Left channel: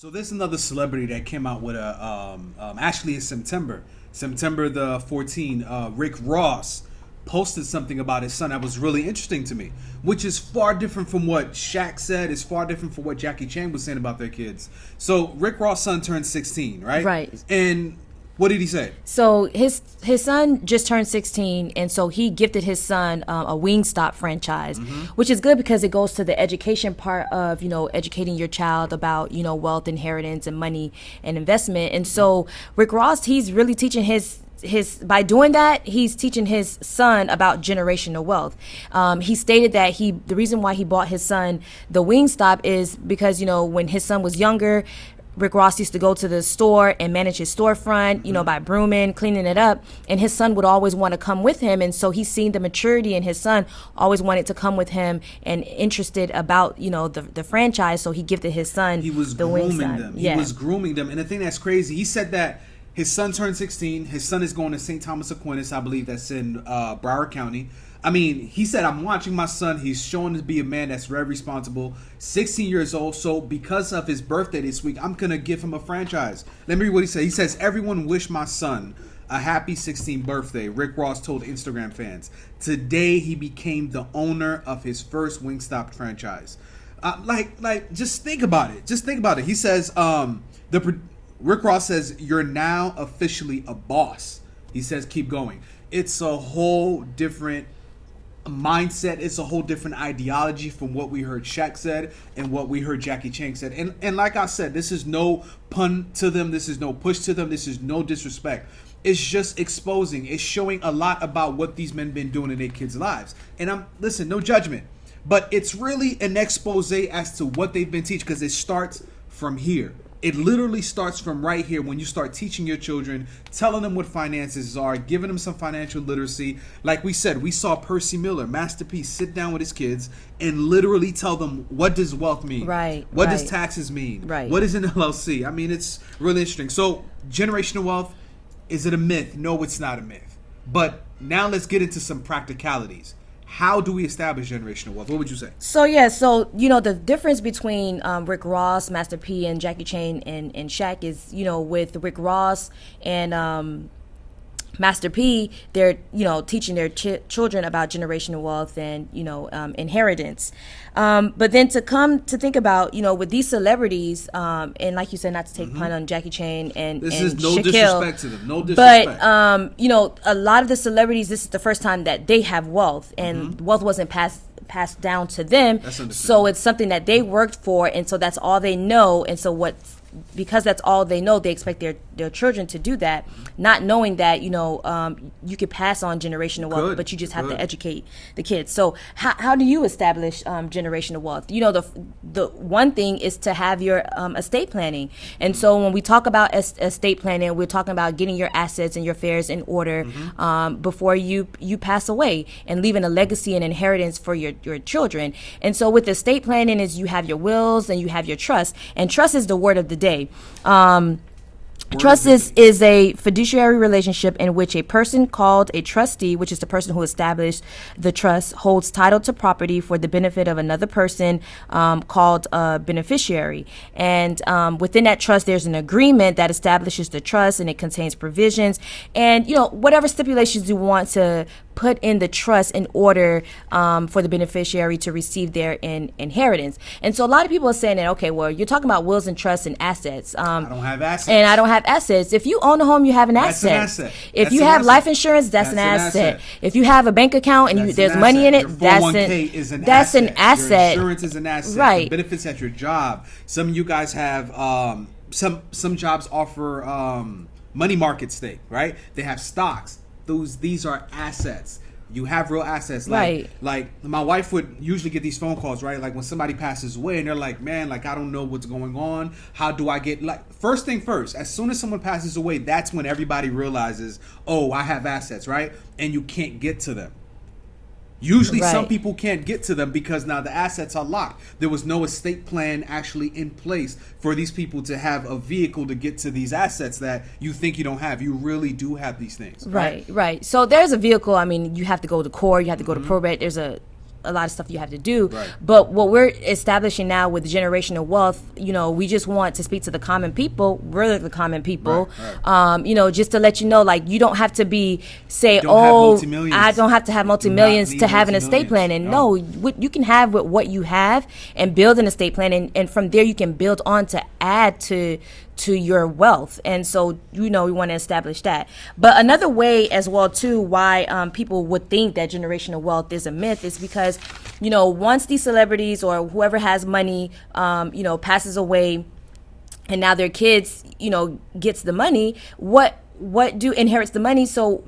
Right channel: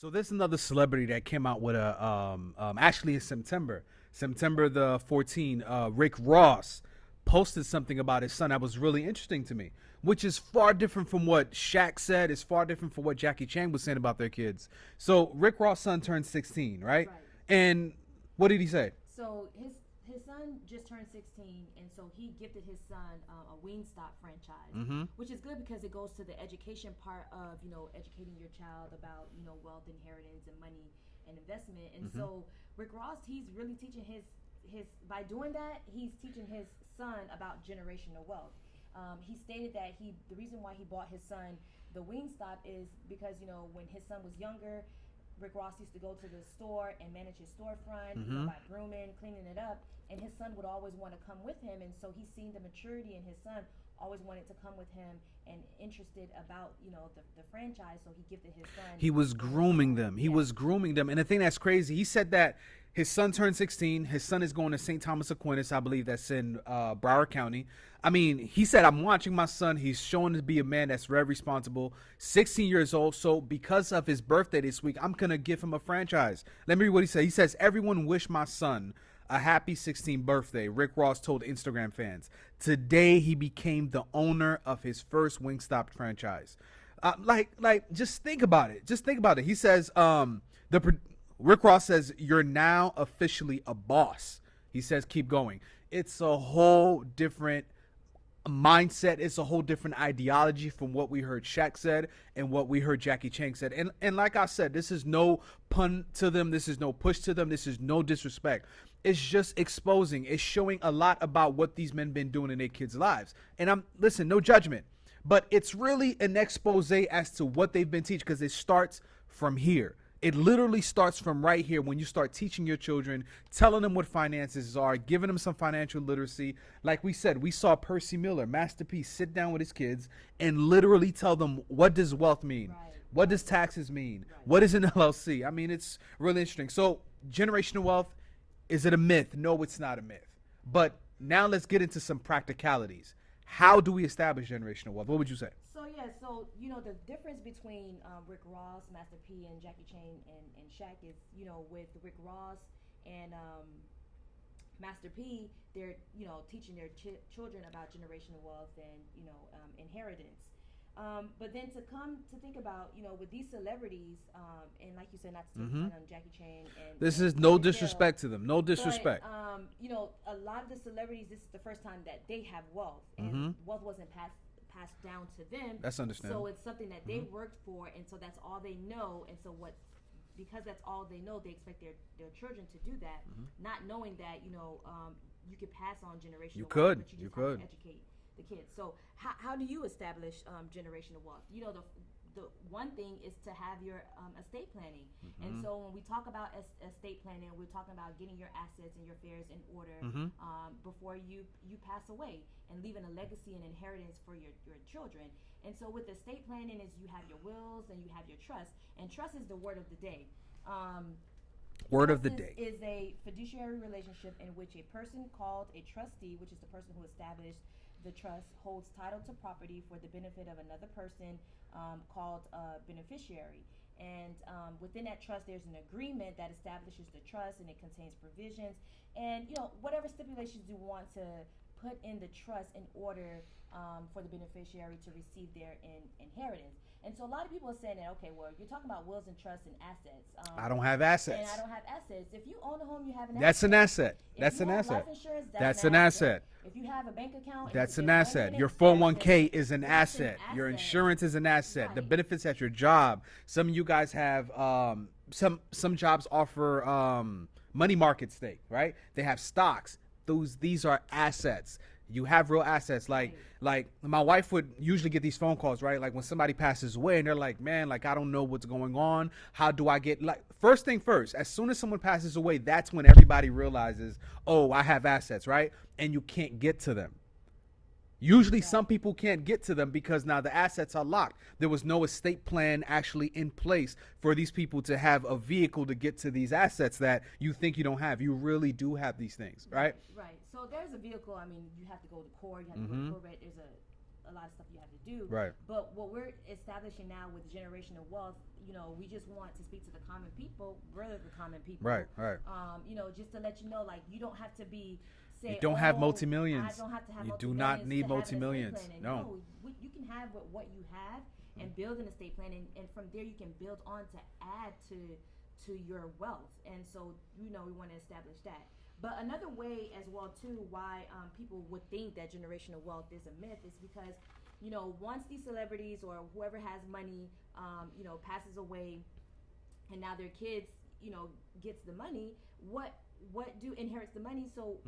So there's another celebrity that came out with a actually in September the 14th. Rick Ross posted something about his son that was really interesting to me, which is far different from what Shaq said. Is far different from what Jackie Chan was saying about their kids. So Rick Ross' son turned 16, right? Right. And what did he say? So his son just turned 16, and so he gifted his son a Wingstop franchise, which is good because it goes to the education part of, educating your child about, wealth, inheritance, and money and investment. And so Rick Ross, he's really teaching his by doing that, he's teaching his son about generational wealth. He stated that the reason why he bought his son the Wingstop is because, when his son was younger, Rick Ross used to go to the store and manage his storefront, by brooming, cleaning it up. And his son would always want to come with him. And so he's seen the maturity in his son, always wanted to come with him and interested about, the franchise. So he gifted his son He was the grooming Wingstop. them. Yeah. He was grooming them. And the thing that's crazy, he said that his son turned 16. His son is going to St. Thomas Aquinas, I believe that's in Broward County. I mean, he said, I'm watching my son. He's showing to be a man that's very responsible. 16 years old. So because of his birthday this week, I'm going to give him a franchise. Let me read what he said. He says, everyone wish my son a happy 16th birthday. Rick Ross told Instagram fans. Today, he became the owner of his first Wingstop franchise. Just think about it. Just think about it. He says, Rick Ross says, you're now officially a boss. He says, keep going. It's a whole different mindset. It's a whole different ideology from what we heard Shaq said and what we heard Jackie Chan said. And like I said, this is no pun to them. This is no push to them. This is no disrespect. It's just exposing. It's showing a lot about what these men been doing in their kids' lives. And listen, no judgment, but it's really an expose as to what they've been teaching, because it starts from here. It literally starts from right here when you start teaching your children, telling them what finances are, giving them some financial literacy. Like we said, we saw Percy Miller, Master P, sit down with his kids and literally tell them, what does wealth mean? Right. What does taxes mean? Right. What is an LLC? I mean, it's really interesting. So generational wealth, is it a myth? No, it's not a myth. But now let's get into some practicalities. How do we establish generational wealth? What would you say? So the difference between Rick Ross, Master P, and Jackie Chan and Shaq is, with Rick Ross and Master P, they're teaching their children about generational wealth and inheritance. But then to think about with these celebrities, and like you said, not to take pun on Jackie Chan and This and is no Shaquille, disrespect to them. No disrespect. But a lot of the celebrities, this is the first time that they have wealth, and wealth wasn't passed down to them. That's understandable. So it's something that they worked for, and so that's all they know. And so because that's all they know, they expect their children to do that, not knowing that you could pass on generational wealth, but you just have to educate the kids. So how do you establish generational wealth? The one thing is to have your estate planning. And so when we talk about estate planning, we're talking about getting your assets and your affairs in order before you pass away, and leaving a legacy and inheritance for your children. And so with estate planning is you have your wills and you have your trust, and trust is the word of the day. Trust is a fiduciary relationship in which a person called a trustee, which is the person who established the trust, holds title to property for the benefit of another person called a beneficiary. And within that trust, there's an agreement that establishes the trust, and it contains provisions and whatever stipulations you want to put in the trust in order for the beneficiary to receive their inheritance. And so a lot of people are saying that, okay, well, you're talking about wills and trusts and assets. I don't have assets. And I don't have assets. If you own a home, you have an asset. That's an asset. If you have life insurance, that's an asset. If you have a bank account and there's money in it, your 401k is an that's asset. an asset. Your insurance is an asset. Right. The benefits at your job. Some of you guys have some jobs offer money market stake, right? They have stocks. These are assets. You have real assets. Like my wife would usually get these phone calls, right? Like when somebody passes away and they're like, man, like I don't know what's going on. How do I get, first thing first, as soon as someone passes away, that's when everybody realizes, oh, I have assets, right? And you can't get to them. Usually some people can't get to them because now the assets are locked. There was no estate plan actually in place for these people to have a vehicle to get to these assets that you think you don't have. You really do have these things. Right. So there's a vehicle. I mean, you have to go to court. You have to go to probate. There's a a lot of stuff you have to do. Right. But what we're establishing now with generational wealth, you know, we just want to speak to the common people. We're the common people. Right. You know, just to let you know, like, you don't have to be say, Don't have oh, multi-millions. I don't have to have multi-millions need to have an estate plan. multi-millions. And no, you can have what you have and build an estate plan, and from there you can build on to add to your wealth. And so, you know, we want to establish that. But another way as well too why people would think that generational wealth is a myth is because, you know, once these celebrities or whoever has money you know, passes away, and now their kids, you know, gets the money, what do inherits the money. So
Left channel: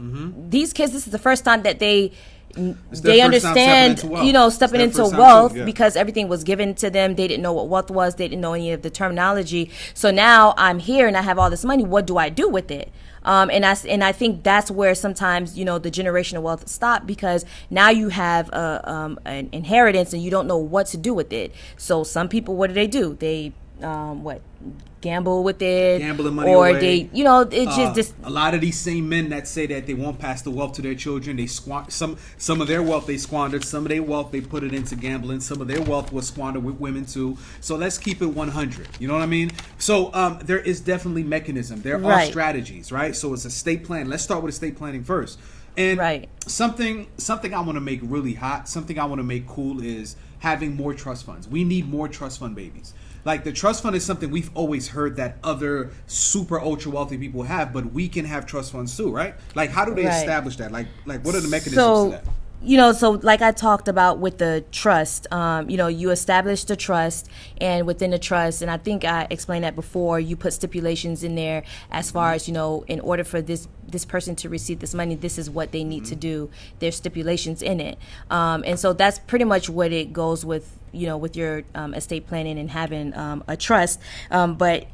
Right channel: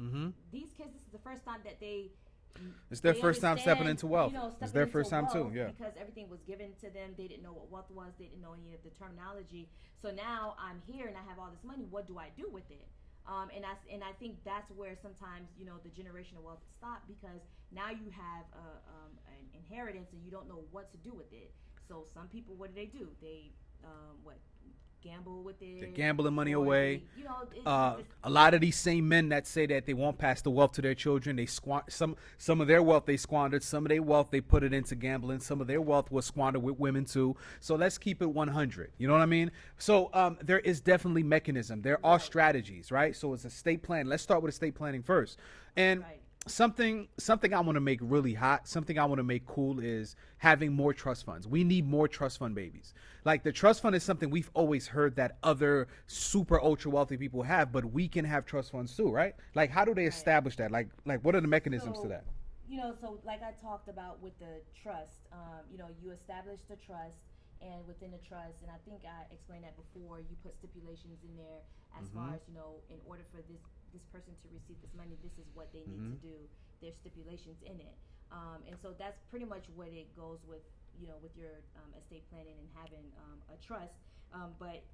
these kids, this is the first time that they understand, you know, stepping into wealth, because everything was given to them. They didn't know what wealth was. They didn't know any of the terminology. So now I'm here and I have all this money. What do I do with it? And I think that's where sometimes, you know, the generational wealth stop, because now you have an inheritance and you don't know what to do with it. So some people, what do? They gamble with it, gambling money or away. they, you know, it's just a lot of these same men that say that they won't pass the wealth to their children. They some of their wealth they squandered, some of their wealth they put it into gambling, some of their wealth was squandered with women too. So let's keep it 100. You know what I mean? So there is definitely mechanism. There are strategies, right? So it's estate plan. Let's start with estate planning first. And something I want to make really hot, something I want to make cool is having more trust funds. We need more trust fund babies. Like, the trust fund is something we've always heard that other super ultra wealthy people have, but we can have trust funds too, right? Like, how do they establish that? Like what are the mechanisms to that? You know, so like I talked about with the trust, you know, you establish the trust, and within the trust, and I think I explained that before, you put stipulations in there as far as, you know, in order for this person to receive this money, this is what they need to do. There's stipulations in it. And so that's pretty much what it goes with, you know, with your estate planning and having a trust. But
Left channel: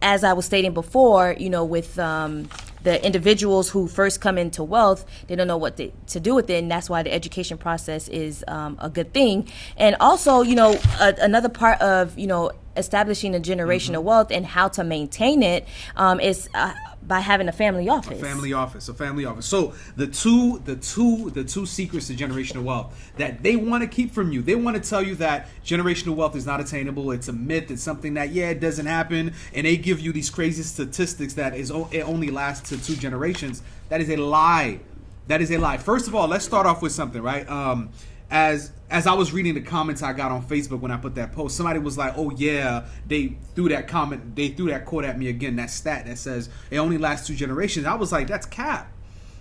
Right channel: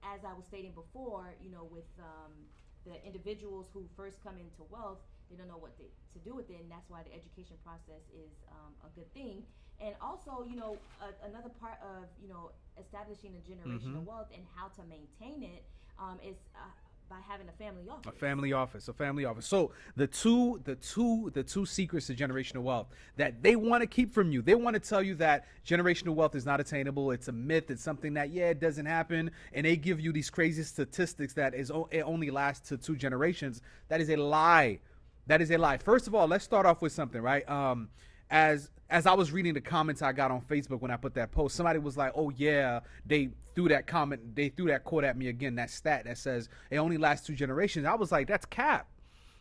as I was stating before, you know, with the individuals who first come into wealth, they don't know what to do with it, and that's why the education process is a good thing. And also, you know, another part of, you know, establishing a generational wealth and how to maintain it is by having a family office. A family office. So the two secrets to generational wealth that they want to keep from you. They want to tell you that generational wealth is not attainable. It's a myth. It's something that, it doesn't happen. And they give you these crazy statistics that it only lasts to 2 generations. That is a lie. That is a lie. First of all, let's start off with something, right? As I was reading the comments I got on Facebook when I put that post, somebody was like, oh yeah, they threw that quote at me again, that stat that says it only lasts 2 generations. I was like, that's cap.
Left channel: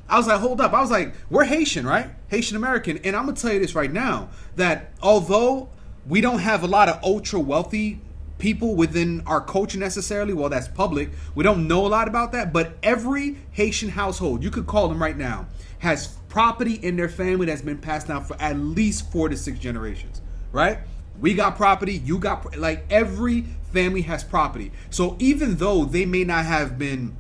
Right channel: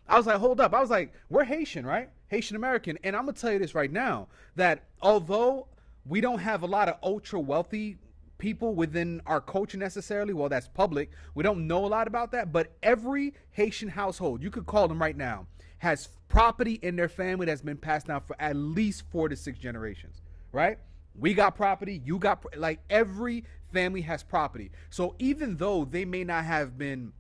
I was like, hold up. I was like, we're Haitian, right? Haitian American. And I'm going to tell you this right now, that although we don't have a lot of ultra wealthy people within our culture necessarily, well, that's public, we don't know a lot about that, but every Haitian household, you could call them right now, has property in their family that's been passed down for at least 4 to 6 generations, right? We got property, you got, like, every family has property. So even though they may not have been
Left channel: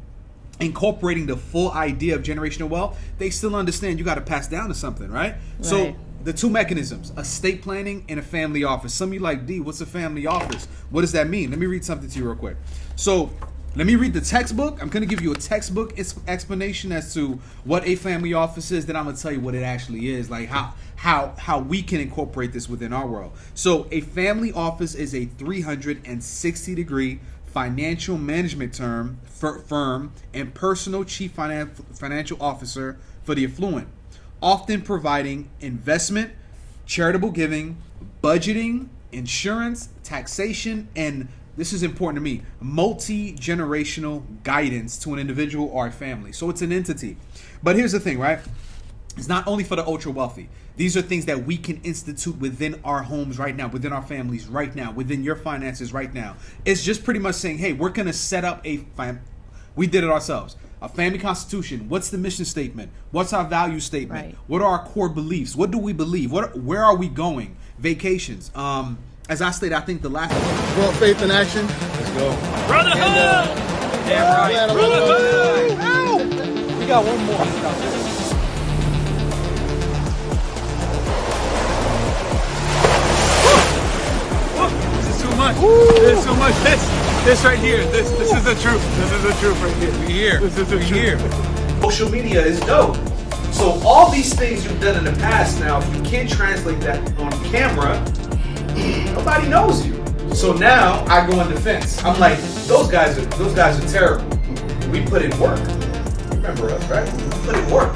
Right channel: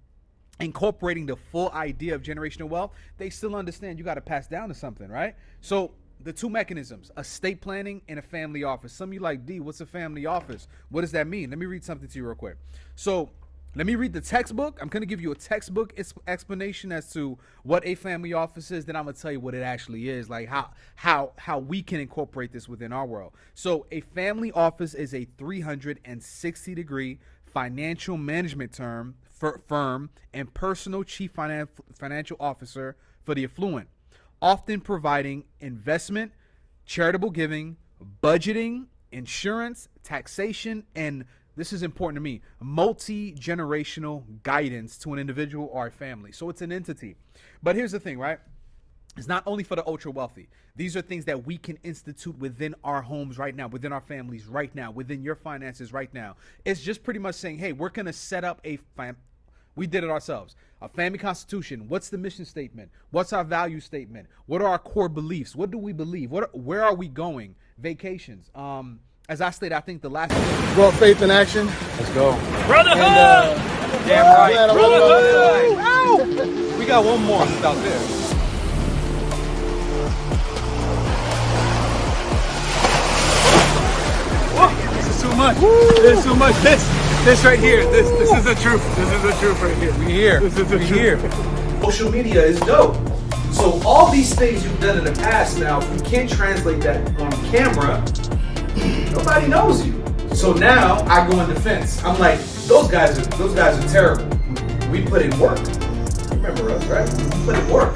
incorporating the full idea of generational wealth, they still understand you got to pass down to something, right? So the 2 mechanisms, estate planning and a family office. Some of you like, D, what's a family office? What does that mean? Let me read something to you real quick. So let me read the textbook. I'm going to give you a textbook explanation as to what a family office is. Then I'm going to tell you what it actually is, like how we can incorporate this within our world. So a family office is a 360-degree financial management firm and personal chief financial officer for the affluent, often providing investment, charitable giving, budgeting, insurance, taxation, and this is important to me, multi-generational guidance to an individual or a family. So it's an entity. But here's the thing, right? It's not only for the ultra wealthy. These are things that we can institute within our homes right now, within our families right now, within your finances right now. It's just pretty much saying, hey, we're going to set up we did it ourselves. A family constitution. What's the mission statement? What's our value statement? Right. What are our core beliefs? What do we believe? Where are we going? Vacations. As I stated, I think the last one. Well, faith in action. Let's go. Brotherhood! Damn right. Brotherhood! We got one more out there. This is too much. This is too much. This right here. This is the truth. This is the truth right here. We here. This is the truth. Social media is dope. So all these things you've done in the past now, if you can't translate that on camera, nobody knows you. So now I go in defense. I'm like, those guys are terrible. We put in work. Remember us, right? We put in work.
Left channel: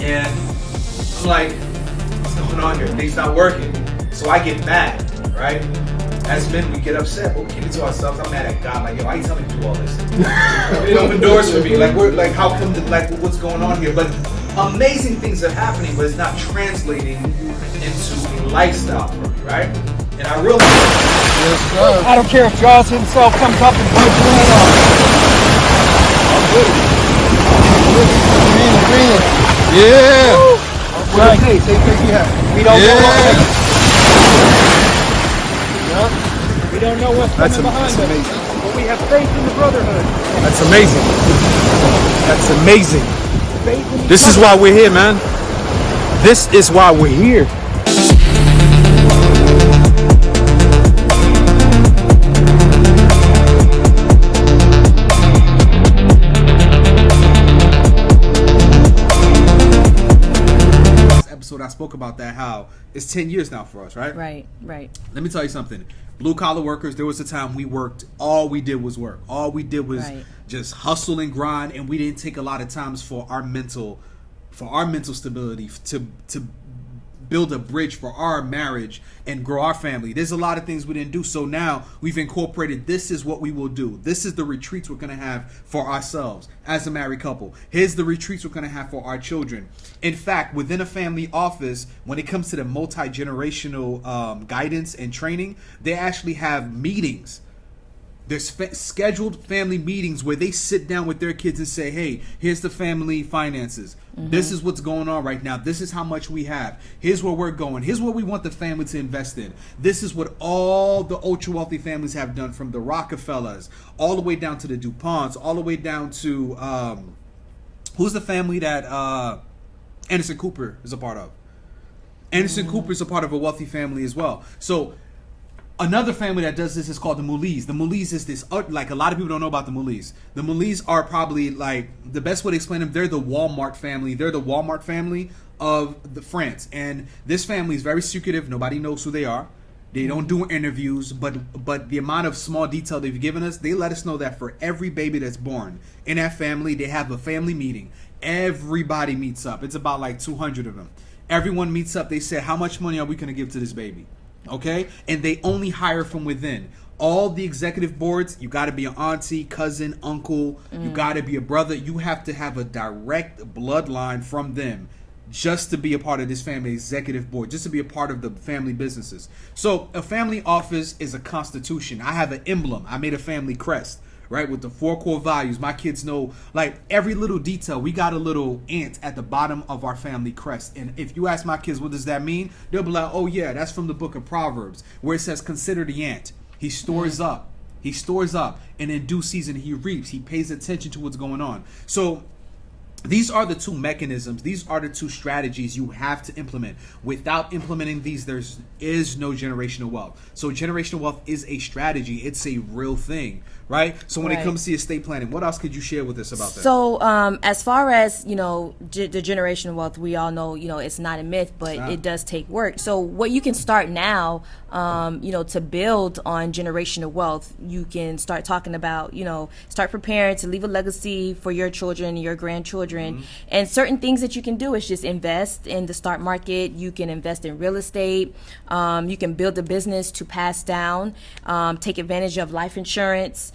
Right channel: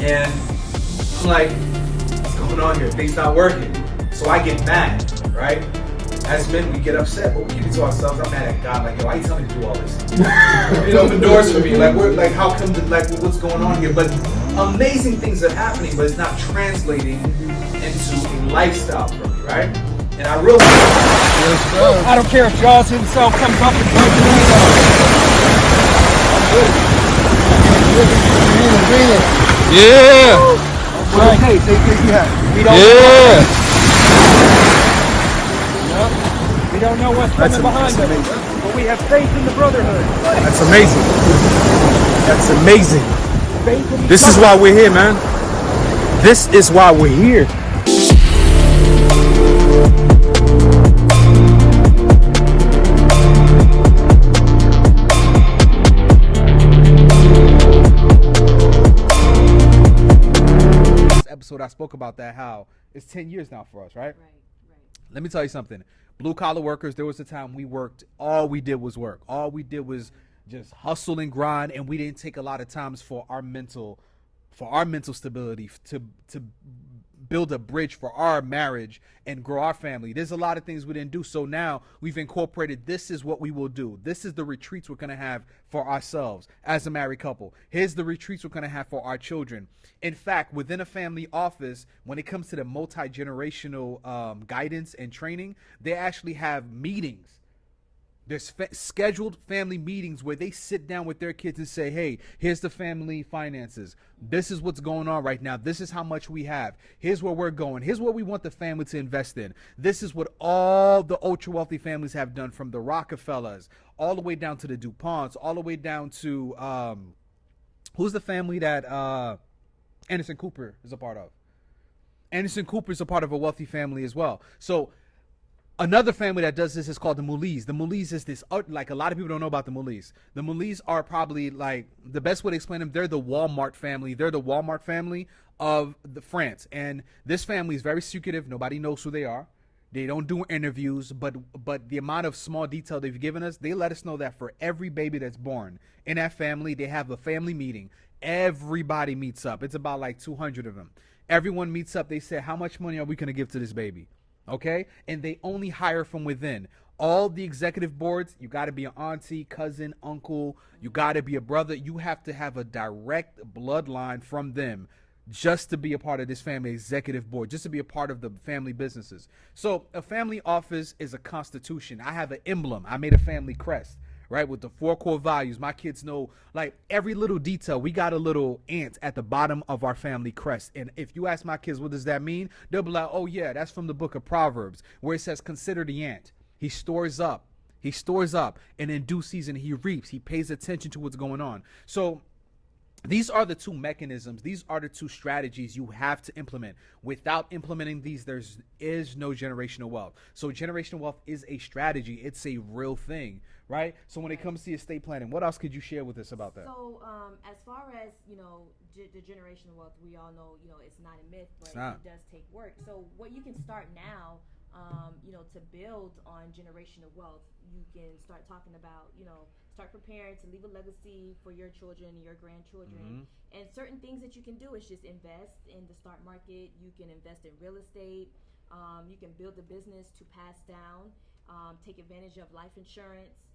And I'm like, what's going on here? Things not working. So I get mad, right? As men, we get upset, but we keep it to ourselves. I'm mad at God. Like, yo, why you telling me to do all this? You open doors for me. Like, how come? What's going on here? But amazing things are happening, but it's not translating into a lifestyle for me, right? And I realize, I don't care if Jaws himself comes up and punches me. Yeah. Right. Hey, we don't know. We don't know what's coming behind us, but we have faith in the brotherhood. That's amazing. That's amazing. Faith in This is why we're here, man. This is why we're here. I spoke about that, how it's 10 years now for us, right? Right. Let me tell you something. Blue collar workers, there was a time we worked, all we did was work. All we did was just hustle and grind, and we didn't take a lot of times for our mental stability, to build a bridge for our marriage and grow our family. There's a lot of things we didn't do. So now we've incorporated, this is what we will do. This is the retreats we're going to have for ourselves as a married couple. Here's the retreats we're going to have for our children. In fact, within a family office, when it comes to the multi-generational guidance and training, they actually have meetings. There's scheduled family meetings where they sit down with their kids and say, hey, here's the family finances. This is what's going on right now. This is how much we have. Here's where we're going. Here's what we want the family to invest in. This is what all the ultra wealthy families have done, from the Rockefellers all the way down to the DuPonts, all the way down to who's the family that Anderson Cooper is a part of. Anderson Cooper is a part of a wealthy family as well. So another family that does this is called the Moulis. The Moulis is this, like, a lot of people don't know about the Moulis. The Moulis are probably, like, the best way to explain them, they're the Walmart family. They're the Walmart family of France. And this family is very secretive. Nobody knows who they are. They don't do interviews, but the amount of small detail they've given us, they let us know that for every baby that's born in that family, they have a family meeting. Everybody meets up. It's about like 200 of them. Everyone meets up. They say, how much money are we going to give to this baby? Okay? And they only hire from within. All the executive boards, you got to be an auntie, cousin, uncle. You got to be a brother. You have to have a direct bloodline from them just to be a part of this family executive board, just to be a part of the family businesses. So a family office is a constitution. I have an emblem. I made a family crest, right, with the 4 core values. My kids know, like, every little detail. We got a little ant at the bottom of our family crest. And if you ask my kids, what does that mean? They'll be like, oh yeah, that's from the book of Proverbs, where it says, consider the ant. He stores up. He stores up. And in due season, he reaps. He pays attention to what's going on. So these are the two mechanisms. These are the two strategies you have to implement. Without implementing these, there is no generational wealth. So generational wealth is a strategy. It's a real thing, right? So when it comes to estate planning, what else could you share with us about that? So as far as, the generational wealth, we all know, it's not a myth, but it does take work. So what you can start now, to build on generational wealth, you can start talking about, start preparing to leave a legacy for your children, your grandchildren. And certain things that you can do is just invest in the stock market. You can invest in real estate. You can build a business to pass down, take advantage of life insurance.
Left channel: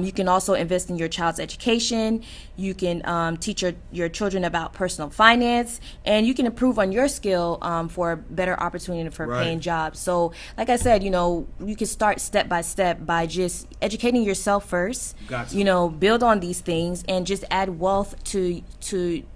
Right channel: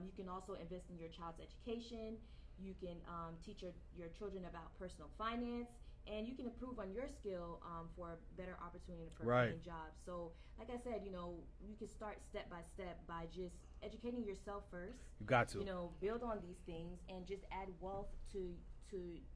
You can also invest in your child's education. You can teach your children about personal finance, and you can improve on your skill for a better opportunity for paying jobs. So like I said, you can start step by step by just educating yourself first. Build on these things and just add wealth to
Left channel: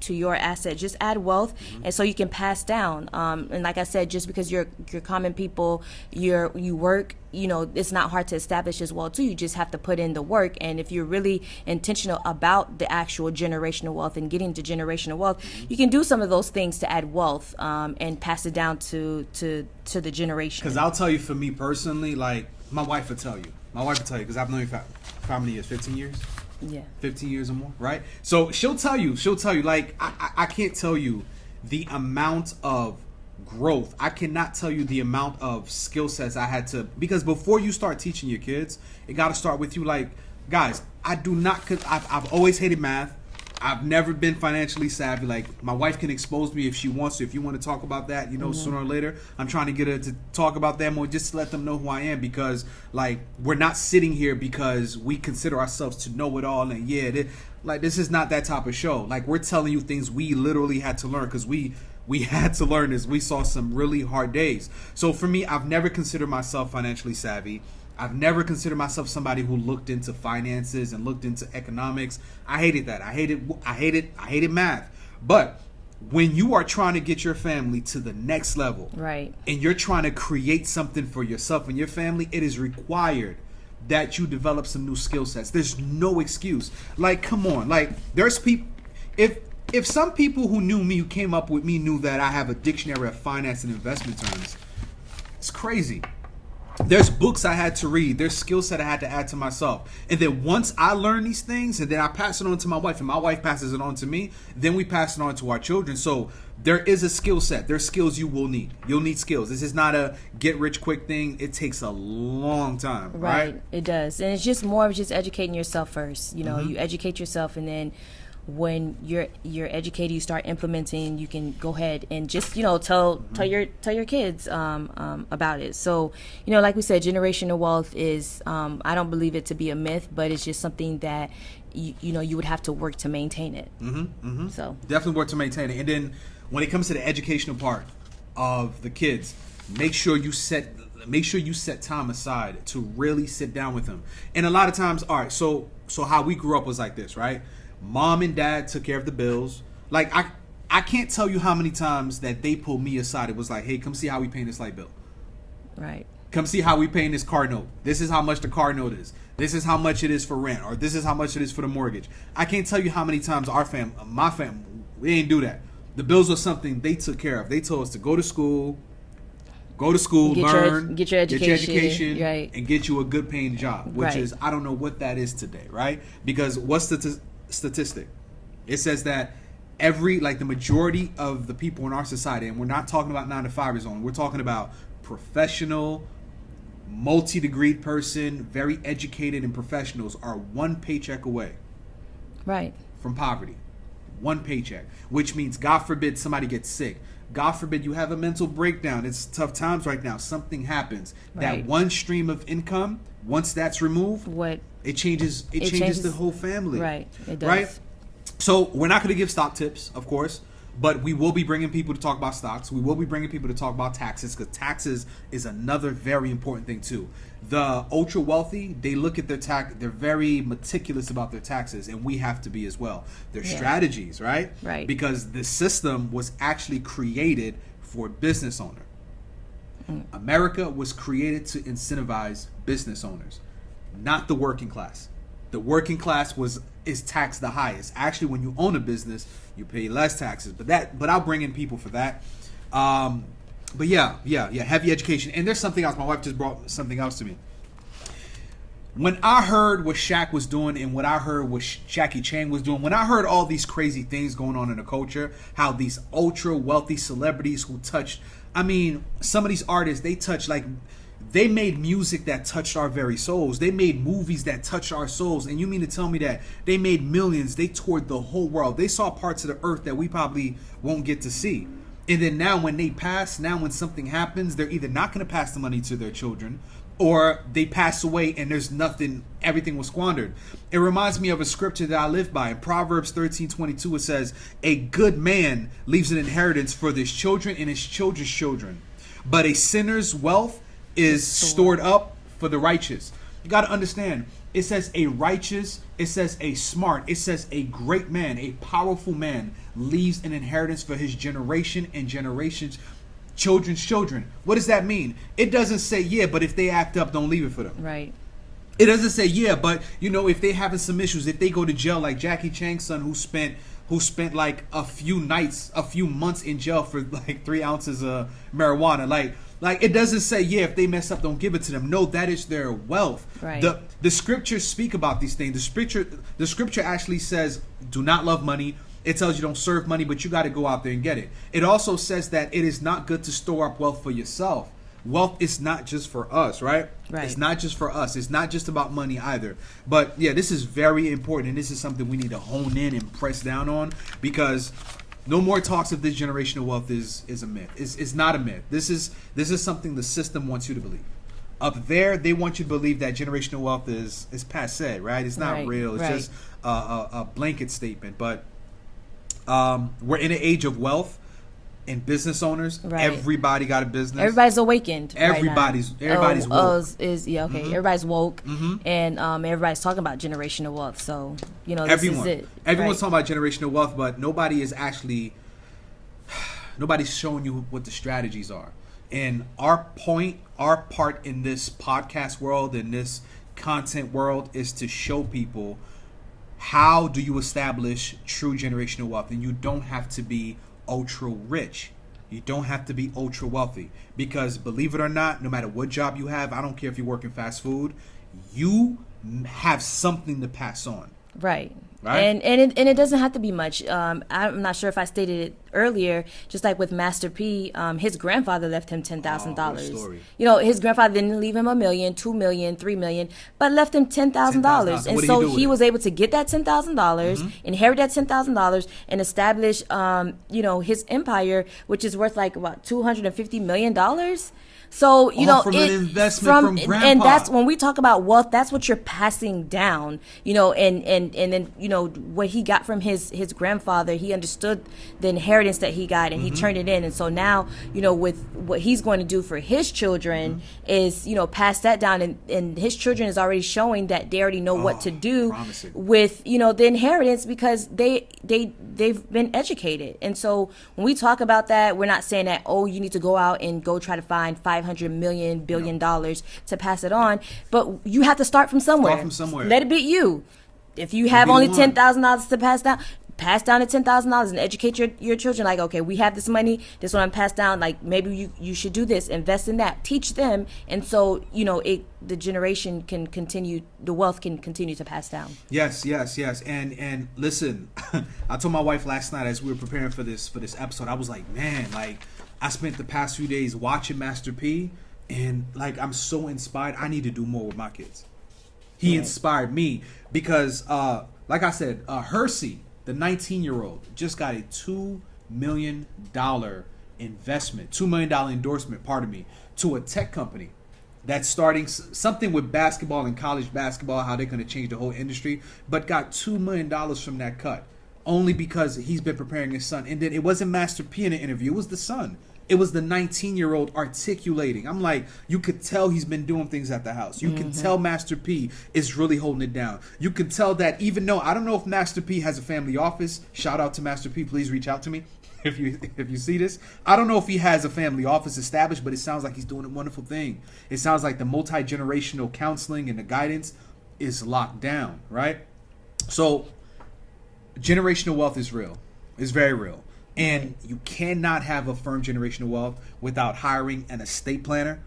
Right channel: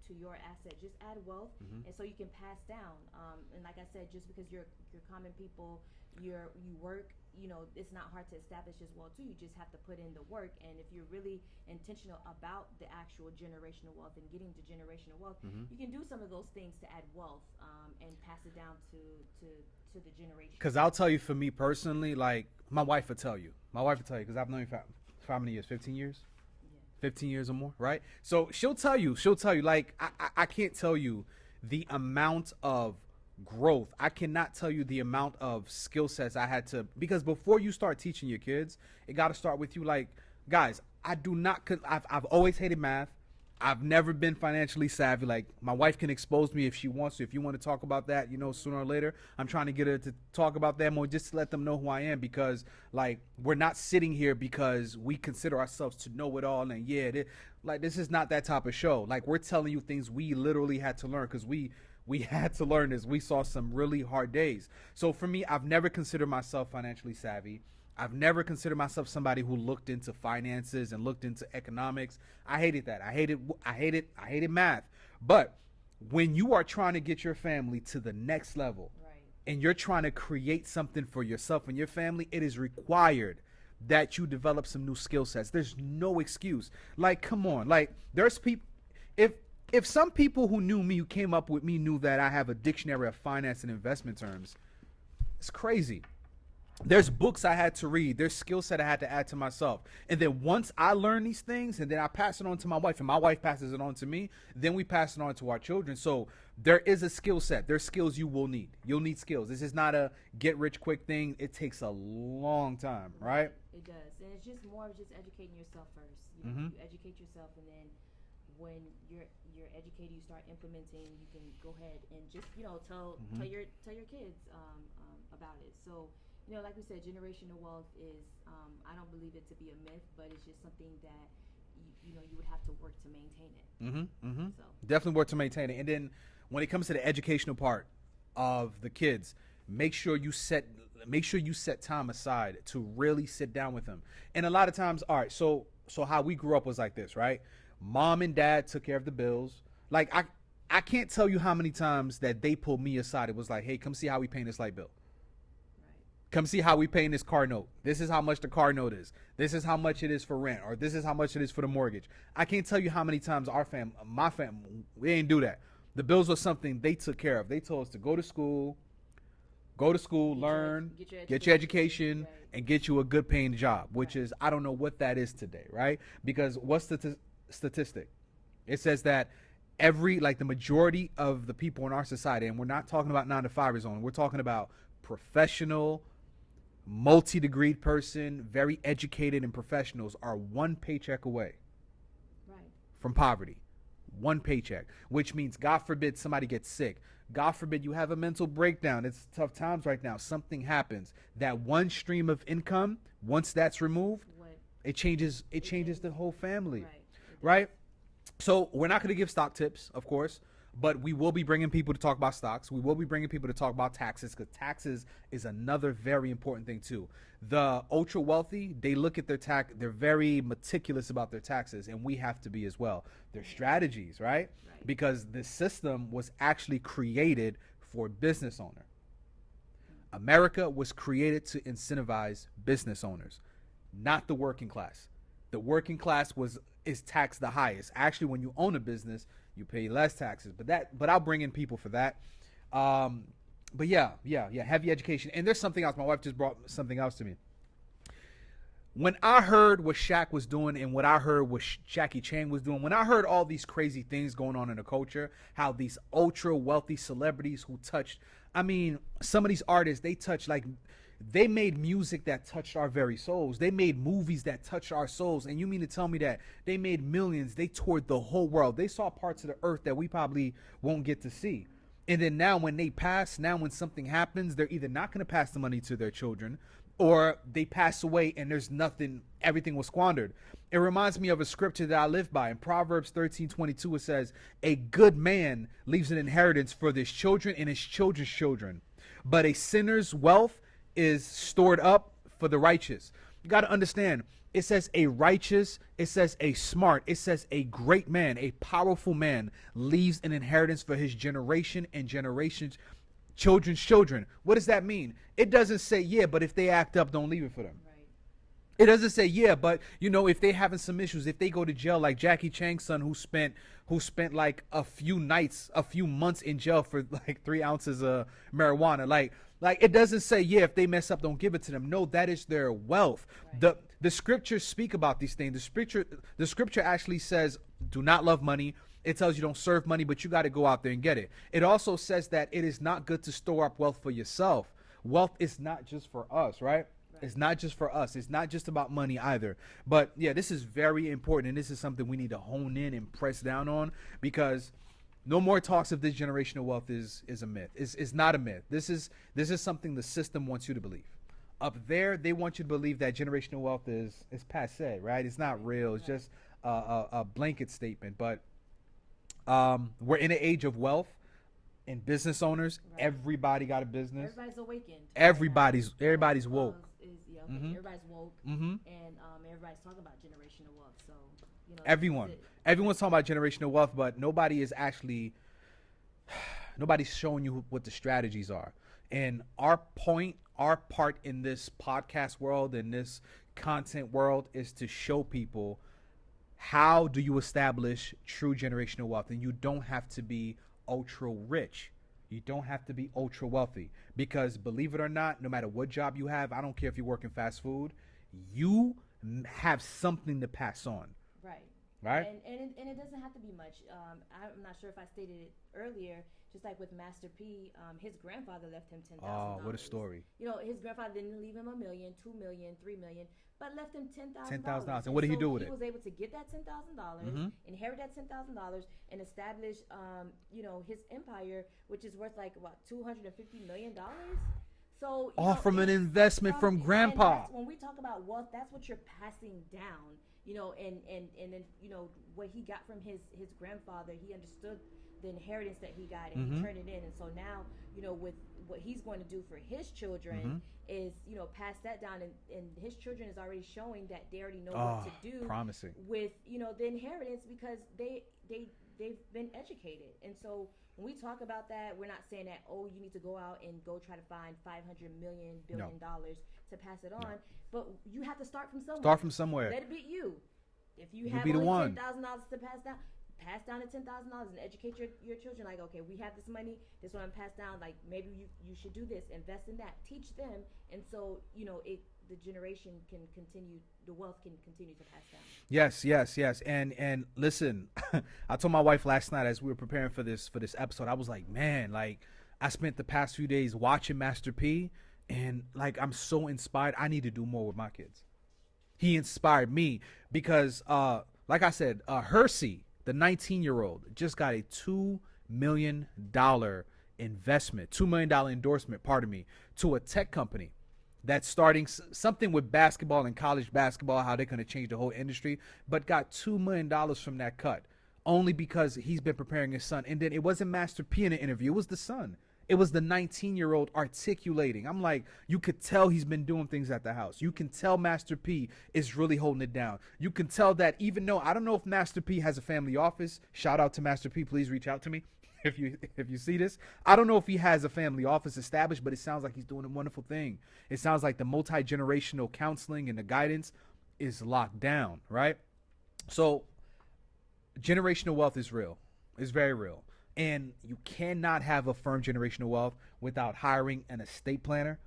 your asset. Just add wealth, and so you can pass down. And like I said, just because you're common people, you work, it's not hard to establish as well too. You just have to put in the work. And if you're really intentional about the actual generational wealth and getting to generational wealth, you can do some of those things to add wealth and pass it down to the generation. Because I'll tell you, for me personally, like, my wife will tell you, because I've known you for how many years? 15 years? Yeah. 15 years or more, right? So she'll tell you, like, I can't tell you the amount of growth. I cannot tell you the amount of skill sets I had to, because before you start teaching your kids, it got to start with you. Like, guys, I've always hated math. I've never been financially savvy. Like, my wife can expose me if she wants to. If you want to talk about that, you know, sooner or later, I'm trying to get her to talk about that more, just to let them know who I am. Because, like, we're not sitting here because we consider ourselves to know it all. And this is not that type of show. Like, we're telling you things we literally had to learn, because we had to learn this. We saw some really hard days. So for me, I've never considered myself financially savvy. I've never considered myself somebody who looked into finances and looked into economics. I hated that. I hated math. But when you are trying to get your family to the next level, right, and you're trying to create something for yourself and your family, it is required that you develop some new skill sets. There's no excuse. Like, come on. Like, there's people, if some people who knew me, who came up with me, knew that I have a dictionary of finance and investment terms, it's crazy. There's books I had to read. There's skill set I had to add to myself. And then once I learn these things, and then I pass it on to my wife, and my wife passes it on to me, then we pass it on to our children. So there is a skill set. There's skills you will need. You'll need skills. This is not a get-rich-quick thing. It takes a long time, right? It does. And it's just more of just educating yourself first. You know, you educate yourself, and then when you're educated, you start implementing, you can go ahead and just, you know, tell your kids about it. So, you know, like we said, generational wealth is, I don't believe it to be a myth, but it's just something that you know, you would have to work to maintain it. So definitely work to maintain it. And then when it comes to the educational part of the kids, make sure you set time aside to really sit down with them. And a lot of times, all right, so how we grew up was like this, right? Mom and dad took care of the bills. Like, I can't tell you how many times that they pulled me aside. It was like, hey, come see how we paying this light bill. Right. Come see how we paying this car note. This is how much the car note is. This is how much it is for rent, or this is how much it is for the mortgage. I can't tell you how many times my family, we ain't do that. The bills are something they took care of. They told us to go to school, learn, get your education, right, and get you a good paying job, which is, I don't know what that is today, right? Because what's the statistic? It says that the majority of the people in our society, and we're not talking about 9-to-5ers only, we're talking about professional, multi-degreed person, very educated and professionals, are one paycheck away, right, from poverty. One paycheck, which means, God forbid, somebody gets sick. God forbid you have a mental breakdown. It's tough times right now. Something happens. Right. That one stream of income, once that's removed, it changes the whole family. Right. It does. Right? So we're not going to give stock tips, of course, but we will be bringing people to talk about stocks. We will be bringing people to talk about taxes, because taxes is another very important thing too. The ultra wealthy, they look at their tax, they're very meticulous about their taxes, and we have to be as well. Their strategies, right? Right. Because the system was actually created for business owner. America was created to incentivize business owners, not the working class. The working class is taxed the highest. Actually, when you own a business, you pay less taxes. But I'll bring in people for that. But yeah, heavy education. And there's something else. My wife just brought something else to me. When I heard what Shaq was doing, and what I heard what Jackie Chan was doing, when I heard all these crazy things going on in the culture, how these ultra wealthy celebrities who touched, I mean, some of these artists, they made music that touched our very souls. They made movies that touched our souls. And you mean to tell me that they made millions? They toured the whole world. They saw parts of the earth that we probably won't get to see. And then now when they pass, now when something happens, they're either not going to pass the money to their children, or they pass away and there's nothing, everything was squandered. It reminds me of a scripture that I live by. In Proverbs 13:22, it says, a good man leaves an inheritance for his children and his children's children, but a sinner's wealth is stored up for the righteous. You got to understand, it says a righteous, it says a smart, it says a great man, a powerful man leaves an inheritance for his generation and generations, children's children. What does that mean? It doesn't say, yeah, but if they act up, don't leave it for them. Right. It doesn't say, yeah, but you know, if they having some issues, if they go to jail, like Jackie Chan's son, who spent like a few months in jail for like 3 ounces of marijuana. Like, Like, it doesn't say, yeah, if they mess up, don't give it to them. No, that is their wealth. Right. The scriptures speak about these things. The scripture actually says, do not love money. It tells you don't serve money, but you got to go out there and get it. It also says that it is not good to store up wealth for yourself. Wealth is not just for us, right? Right. It's not just for us. It's not just about money either. But yeah, this is very important, and this is something we need to hone in and press down on, because no more talks of this generational wealth is a myth. It's not a myth. This is something the system wants you to believe. Up there, they want you to believe that generational wealth is passé, right? It's not Right, real. It's right. just a blanket statement. But we're in an age of wealth and business owners. Right. Everybody got a business. Everybody's awakened. Everybody's woke. Okay. Everybody's woke, and everybody's talking about generational wealth. So this is it. Everyone's right? talking about generational wealth, but nobody's showing you what the strategies are. And our part in this podcast world, in this content world, is to show people how do you establish true generational wealth. And you don't have to be ultra rich. You don't have to be ultra wealthy, because believe it or not, no matter what job you have, I don't care if you work in fast food, you have something to pass on. Right. Right. And it doesn't have to be much. I'm not sure if I stated it earlier. Just like with Master P, his grandfather left him $10,000. What a story. His grandfather didn't leave him $1 million, $2 million, $3 million, but left him $10,000. And so he was able to get that $10,000, inherit that $10,000, and establish, his empire, which is worth like about $250 million. So from an investment from grandpa. And that's when we talk about wealth. That's what you're passing down, and then what he got from his grandfather. He understood the inheritance that he got, and he turned it in. And so now, with what he's going to do for his children is pass that down, and his children is already showing that they already know what to do with the inheritance, because they've been educated. And so when we talk about that, we're not saying that you need to go out and go try to find $500 billion to pass it on, but you have to start from somewhere. Let it be you. If you have only $10,000 to pass down the $10,000 and educate your children. Like, okay, we have this money. This one I'm passed down. Like, maybe you should do this. Invest in that. Teach them, and so the generation can continue. The wealth can continue to pass down. Yes. And listen, I told my wife last night as we were preparing for this episode, I was like, man, like, I spent the past few days watching Master P, and like, I'm so inspired. I need to do more with my kids. He inspired me because, like I said, Hersey, the 19-year-old, just got a $2 million investment, $2 million endorsement, to a tech company that's starting something with basketball and college basketball, how they're going to change the whole industry, but got $2 million from that cut, only because he's been preparing his son. And then it wasn't Master P in the interview, it was the son. It was the 19-year-old articulating. I'm like, you could tell he's been doing things at the house. You can tell Master P is really holding it down. You can tell that, even though I don't know if Master P has a family office. Shout out to Master P. Please reach out to me if you see this. I don't know if he has a family office established, but it sounds like he's doing a wonderful thing. It sounds like the multi-generational counseling and the guidance is locked down, right? So generational wealth is real. It's very real. And you cannot have a firm generational wealth without hiring an estate planner,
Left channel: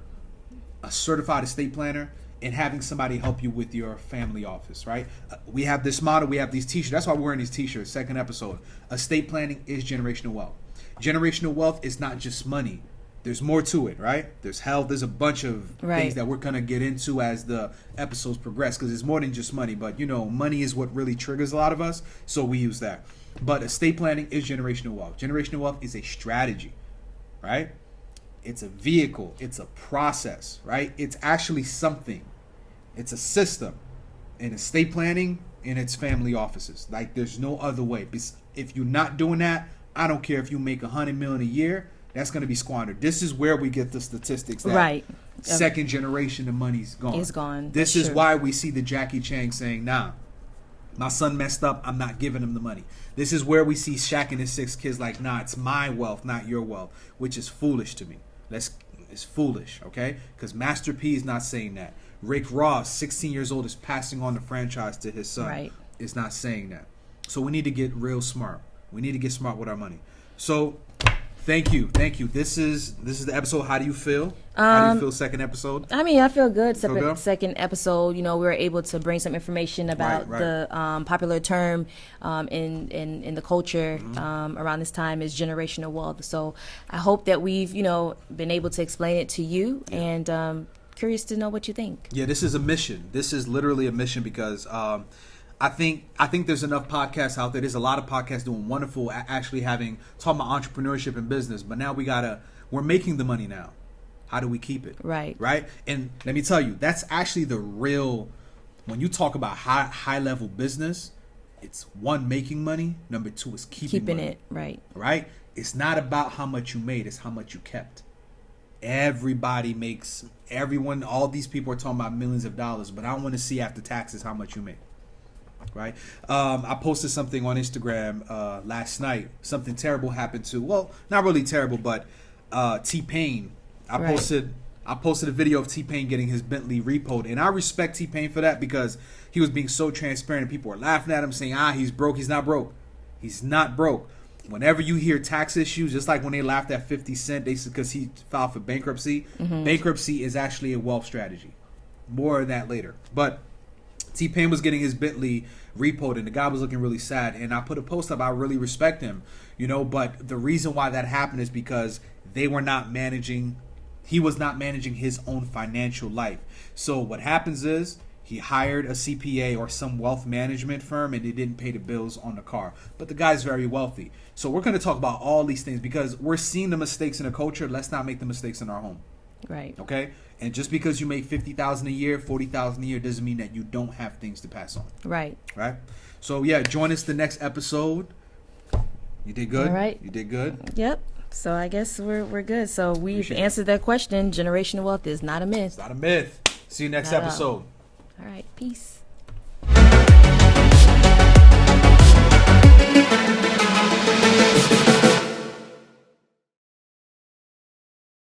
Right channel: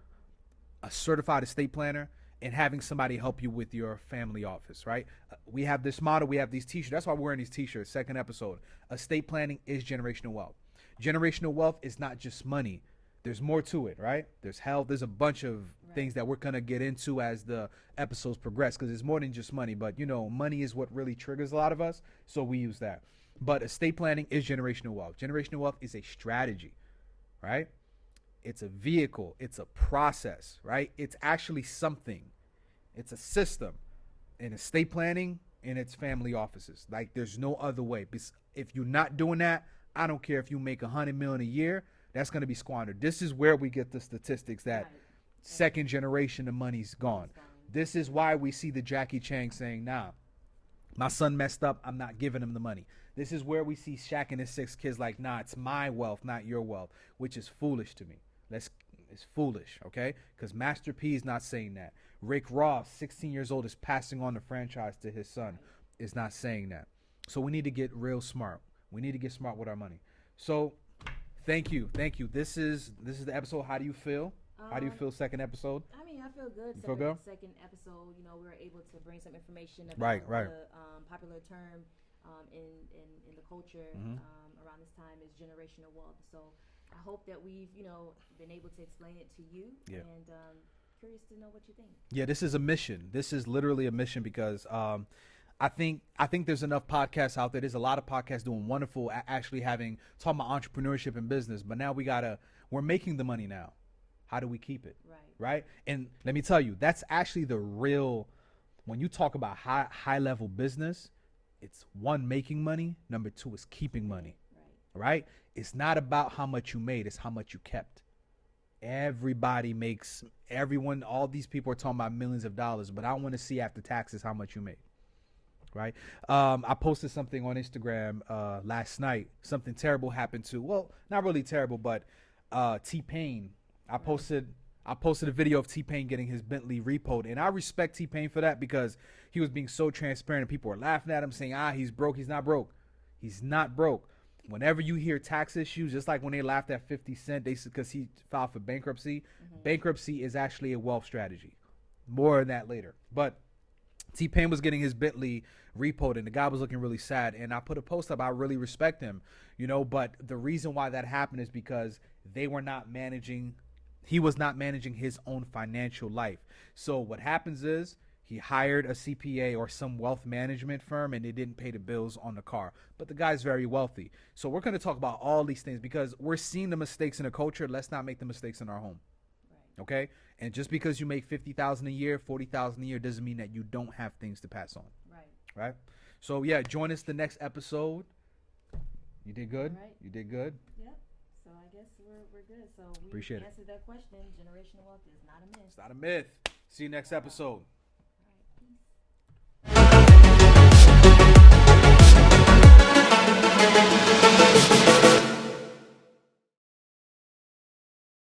a certified estate planner, and having somebody help you with your family office, right? We have this model. We have these t-shirts. That's why we're wearing these t-shirts. Second episode. Estate planning is generational wealth. Generational wealth is not just money. There's more to it, right? There's health. There's a bunch of things that we're going to get into as the episodes progress, because it's more than just money. But, money is what really triggers a lot of us, so we use that. But estate planning is generational wealth. Generational wealth is a strategy, right? It's a vehicle. It's a process, right? It's actually something. It's a system. In estate planning, in its family offices. Like, there's no other way. If you're not doing that, I don't care if you make $100 million a year, that's going to be squandered. This is where we get the statistics that second generation, the money's gone. It's gone. This is why we see the Jackie Chan saying, nah, my son messed up, I'm not giving him the money. This is where we see Shaq and his 6 kids like, nah, it's my wealth, not your wealth, which is foolish to me. It's foolish, okay? Because Master P is not saying that. Rick Ross, 16 years old, is passing on the franchise to his son. Right. Is not saying that. So we need to get real smart. We need to get smart with our money. So Thank you. This is the episode. How do you feel? How do you feel? Second episode. I mean, I feel good. Feel good? Second episode, we were able to bring some information about Right. the popular term in the culture around this time is generational wealth. So I hope that we've been able to explain it to you, and curious to know what you think. Yeah, this is a mission. This is literally a mission because I think there's enough podcasts out there. There's a lot of podcasts doing wonderful, actually talking about entrepreneurship and business. But now we're making the money now. How do we keep it? Right. And let me tell you, that's actually the real. When you talk about high level business, it's one, making money. Number two is keeping money. it. Right. It's not about how much you made. It's how much you kept. All these people are talking about millions of dollars, but I want to see after taxes how much you made. Right. I posted something on Instagram last night. Something terrible happened to, well, not really terrible, but T-Pain. I posted a video of T-Pain getting his Bentley repoed, and I respect T-Pain for that because he was being so transparent, and people are laughing at him saying, he's broke. He's not broke. He's not broke. Whenever you hear tax issues, just like when they laughed at 50 Cent, because he filed for bankruptcy, bankruptcy is actually a wealth strategy. More of that later. But T-Pain was getting his Bentley repoed, and the guy was looking really sad, and I put a post up. I really respect him, but the reason why that happened is because he was not managing his own financial life. So what happens is he hired a CPA or some wealth management firm, and they didn't pay the bills on the car. But the guy's very wealthy. So we're going to talk about all these things because we're seeing the mistakes in the culture. Let's not make the mistakes in our home. Right. Okay? And just because you make $50,000 a year, $40,000 a year doesn't mean that you don't have things to pass on. Right. So yeah, join us the next episode. You did good. All right. You did good. Yep. So I guess we're good. So we've Appreciate answered that question. Generational wealth is not a myth. It's not a myth. See you next Not at all. episode. All right. Peace.